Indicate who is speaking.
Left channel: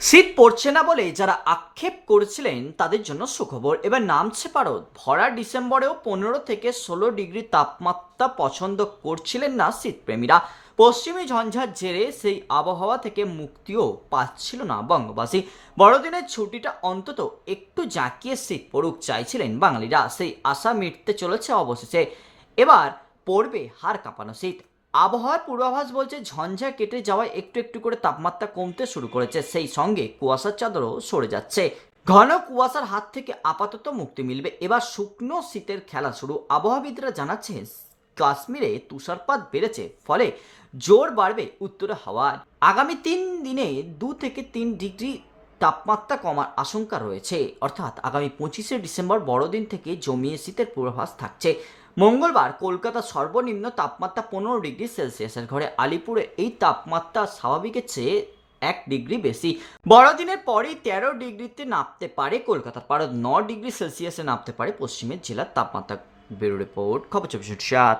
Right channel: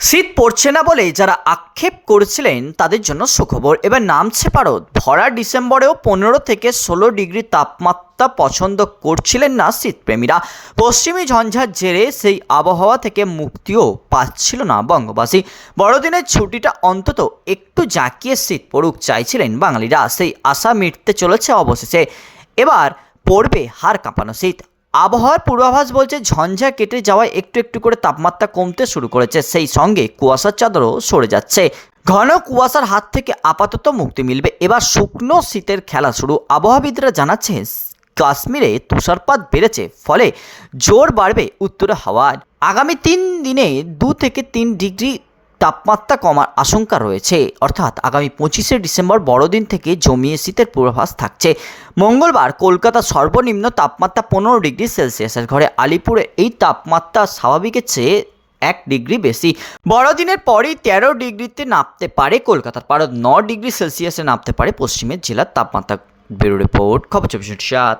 Speaker 1: শীত পড়ছে না বলে যারা আক্ষেপ করেছিলেন তাদের জন্য সুখবর। এবার নামছে পারদ। ভরা ডিসেম্বরেও পনেরো থেকে ষোলো ডিগ্রি তাপমাত্রা পছন্দ করছিলেন না শীতপ্রেমীরা। পশ্চিমী ঝঞ্ঝার জেরে সেই আবহাওয়া থেকে মুক্তিও পাচ্ছিল না বঙ্গবাসী। বড়দিনের ছুটিটা অন্তত একটু জাঁকিয়ে শীত পড়ুক চাইছিলেন বাঙালিরা। সেই আশা মিটতে চলেছে অবশেষে। এবার পড়বে হাড় কাঁপানো শীত। আবহাওয়ার পূর্বাভাস বলছে ঝঞ্ঝা কেটে যাওয়ায় একটু একটু করে তাপমাত্রা কমতে শুরু করেছে। সেই সঙ্গে কুয়াশার চাদরও সরে যাচ্ছে। ঘন কুয়াশার হাত থেকে আপাতত মুক্তি মিলবে। এবার শুকনো শীতের খেলা শুরু। আবহাওয়াবিদরা জানাচ্ছে, কাশ্মীরে তুষারপাত বেড়েছে, ফলে জোর বাড়বে উত্তরে হাওয়ার আগামী তিন দিনে দু থেকে তিন ডিগ্রি তাপমাত্রা কমার আশঙ্কা রয়েছে। অর্থাৎ আগামী পঁচিশে ডিসেম্বর বড়দিন থেকে জমিয়ে শীতের পূর্বাভাস থাকছে। মঙ্গলবার কলকাতা সর্বনিম্ন তাপমাত্রা পনেরো ডিগ্রি সেলসিয়াসের ঘরে, আলিপুরে এই তাপমাত্রা স্বাভাবিকের চেয়ে এক ডিগ্রি বেশি। বড়দিনের পরেই তেরো ডিগ্রিতে নামতে পারে কলকাতার পারদ, ন ডিগ্রি সেলসিয়াসে নামতে পারে পশ্চিমের জেলার তাপমাত্রা ব্যুরো রিপোর্ট, খবর চব্বিশ সাত।